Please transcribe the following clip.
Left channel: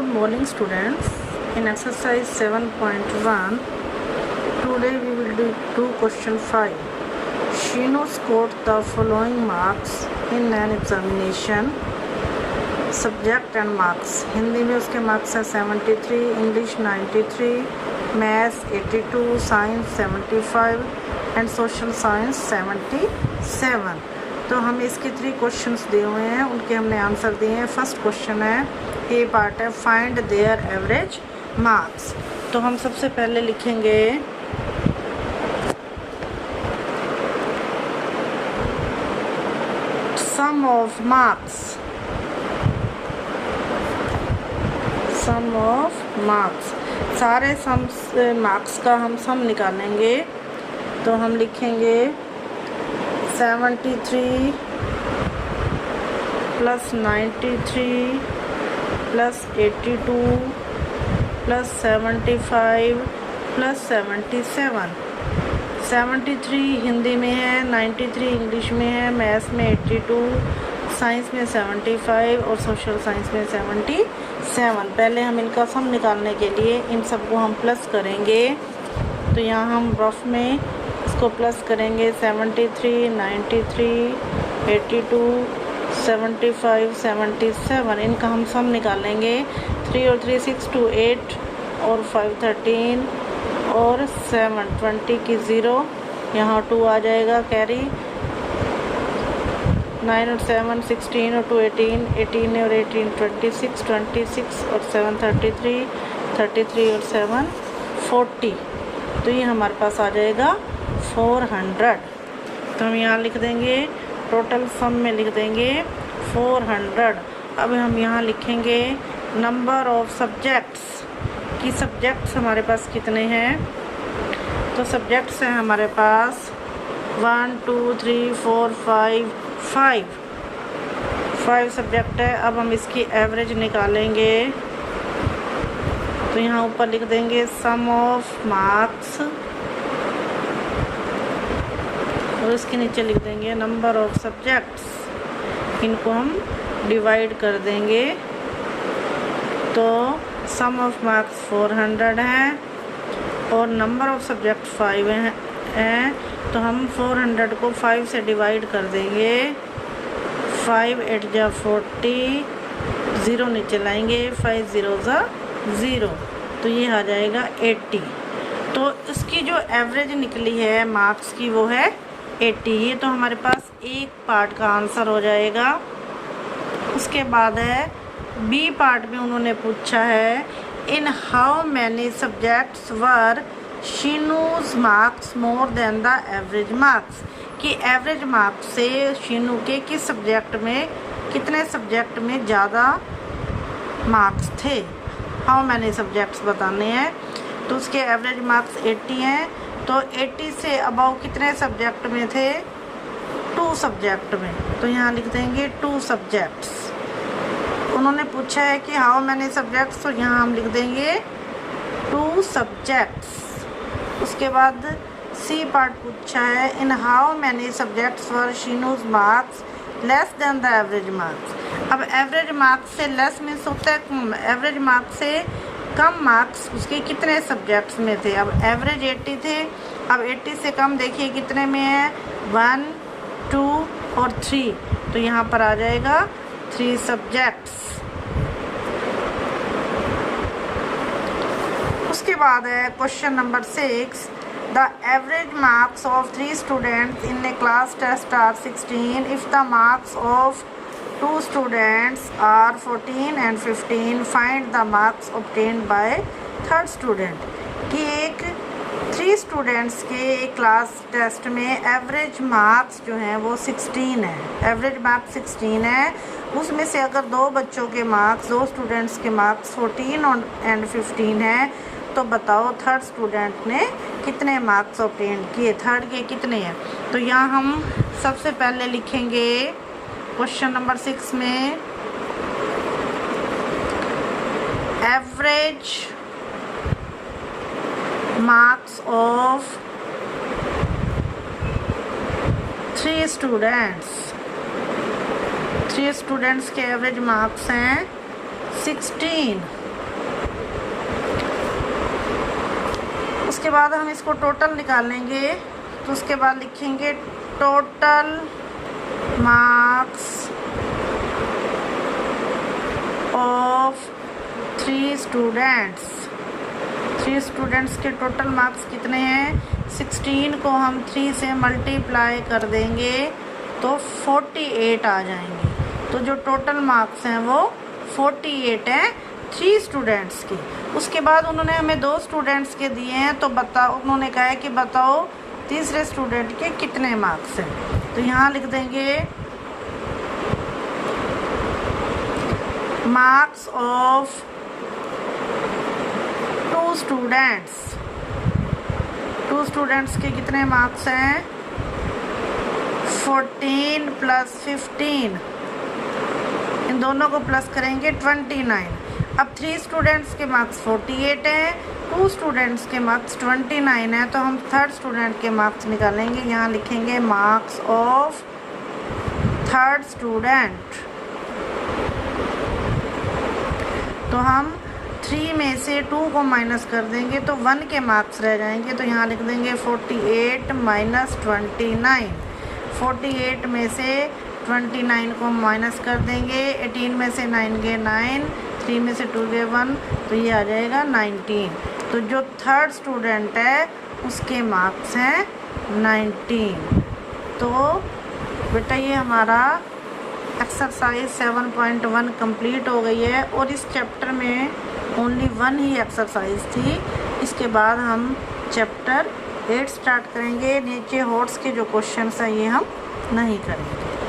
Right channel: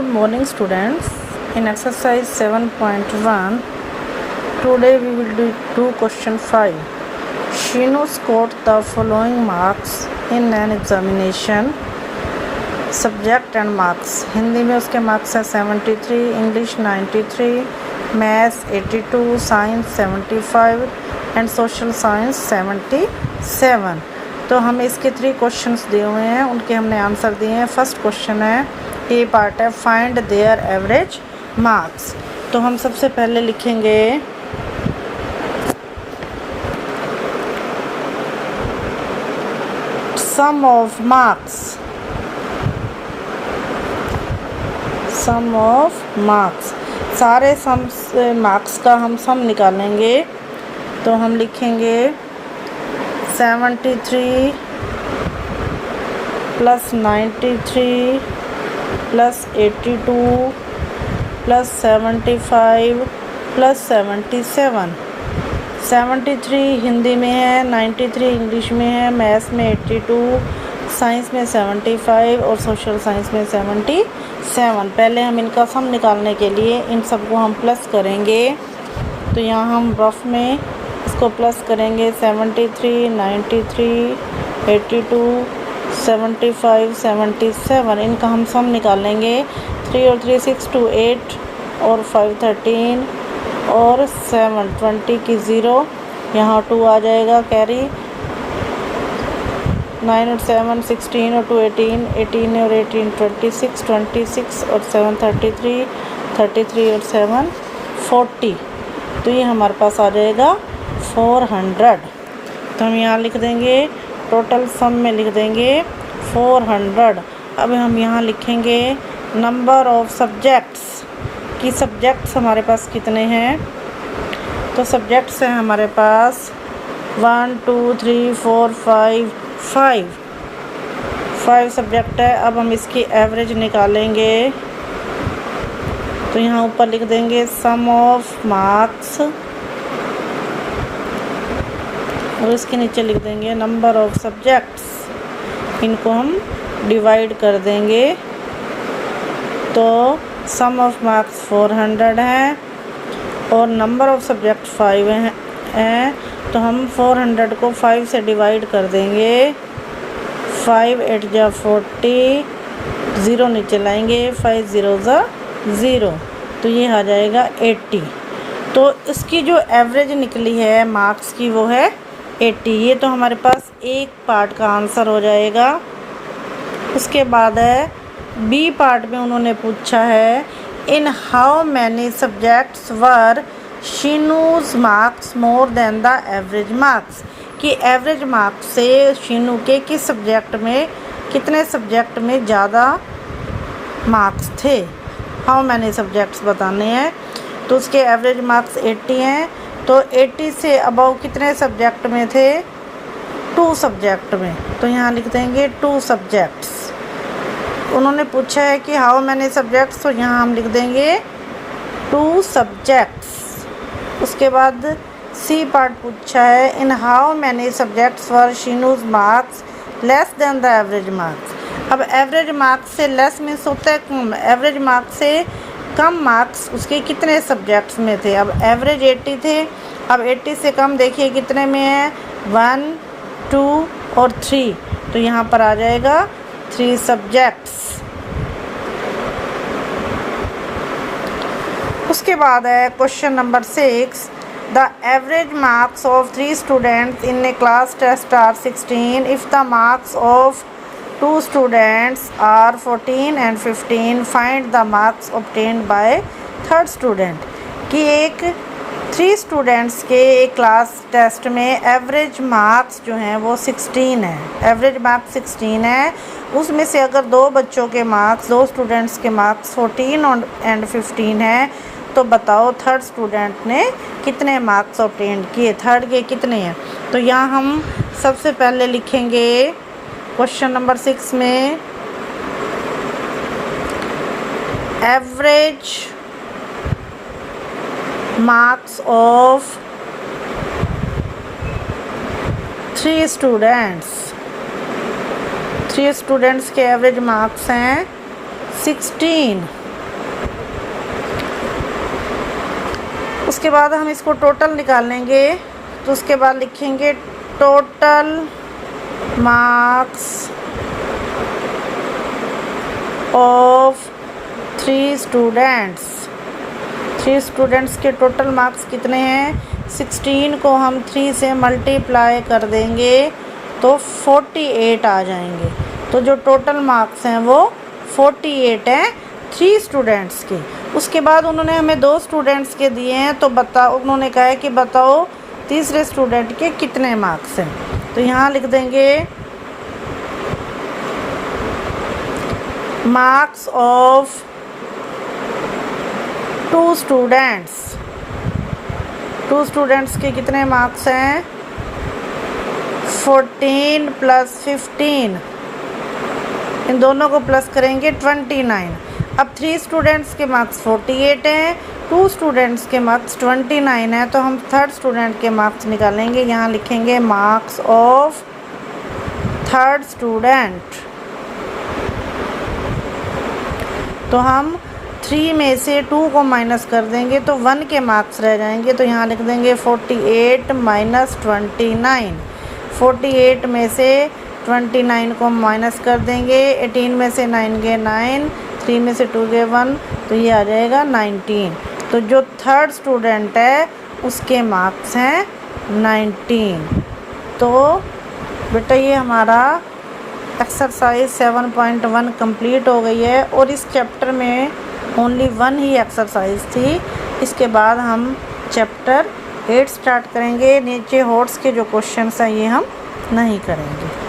Good morning, students. In exercise 7.1, today we will do question 5. Shinu scored the following marks in an examination. Subject and marks. Hindi में उसके marks हैं 73, English 93, maths 82, science 75 and social science 77. तो हमें इसके 3 questions दिए हुए हैं, उनके हमने आंसर दिए हैं. फर्स्ट क्वेश्चन है, ए पार्ट है, फाइंड देयर एवरेज मार्क्स. तो हम सबसे पहले लिखेंगे sum of marks. Sum of marks, सारे सम मार्क्स का हम सम निकालेंगे. तो हम लिखेंगे 73 plus 93 plus 82 plus 75 plus 77. 73 Hindi में है, 93 इंग्लिश में है, मैथ्स में 82, साइंस में 75 और सोशल साइंस में 77. पहले हम इनका सम निकालने के लिए इन सबको हम प्लस करेंगे. तो यहाँ हम रफ में इसको प्लस करेंगे. 73, 93, 82, 75, 77, इनका हम सम निकालेंगे. 3 और 3 6 2 8 और 5 13 और 7 20 की 0, यहाँ 2 आ जाएगा कैरी. 9 और 7 16 और 2 18, 18 और 18 26, 26 और 7 33, 33 और 7 40. तो ये हमारे पास आ जाएगा 400. तो हम यहाँ लिख देंगे, टोटल सम में लिख देंगे 400. अब हम यहाँ लिखेंगे नंबर ऑफ सब्जेक्ट्स कि सब्जेक्ट्स हमारे पास कितने हैं. तो सब्जेक्ट्स हैं हमारे पास 1 2 3 4 5 सब्जेक्ट है. अब हम इसकी एवरेज निकालेंगे. तो यहाँ ऊपर लिख देंगे सम ऑफ मार्क्स और उसके नीचे लिख देंगे नंबर ऑफ सब्जेक्ट्स. इनको हम डिवाइड कर देंगे. तो सम ऑफ मार्क्स 400 है और नंबर ऑफ सब्जेक्ट 5 हैं. तो हम 400 को 5 से डिवाइड कर देंगे. 5 8 जा 40, 0 नीचे लाएंगे, 5 0 जा 0. तो ये आ जाएगा 80. तो इसकी जो एवरेज निकली है मार्क्स की वो है 80. ये तो हमारे पास एक पार्ट का आंसर हो जाएगा. उसके बाद है बी पार्ट में उन्होंने पूछा है in how many subjects were Sheenu's marks more than the average marks. कि एवरेज मार्क्स से शीनू के किस सब्जेक्ट में, कितने सब्जेक्ट में ज़्यादा मार्क्स थे. हाउ मैनी सब्जेक्ट्स बताने हैं. तो उसके एवरेज मार्क्स 80 हैं. तो 80 से अबव कितने सब्जेक्ट में थे, 2 सब्जेक्ट में. तो यहाँ लिख देंगे 2 सब्जेक्ट्स. उन्होंने पूछा है कि हाउ मैनी सब्जेक्ट्स, तो यहाँ हम लिख देंगे 2 सब्जेक्ट्स. उसके बाद सी पार्ट पूछा है in how many subjects were Sheenu's marks less than the average marks. अब एवरेज मार्क्स से लेस मीन्स होता है कम. एवरेज मार्क्स से कम मार्क्स उसके कितने सब्जेक्ट्स में थे. अब एवरेज 80 थे. अब 80 से कम देखिए कितने में है, 1 2 और 3. तो यहाँ पर आ जाएगा 3 सब्जेक्ट्स. उसके बाद है question number 6. The average marks of 3 students in a class test are 16. If the marks of 2 students are 14 and 15. Find the marks obtained by third student. कि एक 3 स्टूडेंट्स के एक क्लास टेस्ट में एवरेज मार्क्स जो हैं वो 16 है. Average marks 16 है. उसमें से अगर 2 बच्चों के मार्क्स, 2 स्टूडेंट्स के मार्क्स 14 एंड 15 है, तो बताओ थर्ड स्टूडेंट ने कितने मार्क्स ऑब्टेन किए, थर्ड के कितने हैं. तो यहाँ हम सबसे पहले लिखेंगे क्वेश्चन नंबर 6 में average marks of 3 students. 3 students के एवरेज मार्क्स हैं 16. उसके बाद हम इसको टोटल निकालेंगे, तो उसके बाद लिखेंगे total marks of 3 students. 3 students के टोटल मार्क्स कितने हैं? 16 को हम 3 से मल्टीप्लाई कर देंगे तो 48 आ जाएंगे। तो जो टोटल मार्क्स हैं वो 48 हैं 3 स्टूडेंट्स के। उसके बाद उन्होंने हमें 2 स्टूडेंट्स के दिए हैं, तो उन्होंने कहा है कि बताओ तीसरे स्टूडेंट के कितने मार्क्स हैं। तो यहाँ लिख देंगे मार्क्स ऑफ 2 स्टूडेंट्स। 2 स्टूडेंट्स के कितने मार्क्स हैं? 14 + 15, इन दोनों को प्लस करेंगे 29। अब 3 स्टूडेंट्स के मार्क्स 48 हैं, 2 स्टूडेंट्स के मार्क्स 29 है, तो हम 3rd स्टूडेंट के मार्क्स निकालेंगे। यहाँ लिखेंगे मार्क्स ऑफ 3rd स्टूडेंट। तो हम 3 में से 2 को माइनस कर देंगे तो 1 के मार्क्स रह जाएंगे। तो यहाँ लिख देंगे 48 - 29। 48 में से 29 को माइनस कर देंगे, 18 में से 9 गए 9, 3 में से 2 गए 1, तो ये आ जाएगा 19। तो जो 3rd स्टूडेंट है उसके मार्क्स हैं 19। तो बेटा ये हमारा एक्सरसाइज 7.1 कंप्लीट हो गई है, और इस चैप्टर में ओनली 1 ही एक्सरसाइज थी। इसके बाद हम चैप्टर 8 स्टार्ट करेंगे। नीचे हॉट्स के जो क्वेश्चंस हैं ये हम नहीं करेंगे।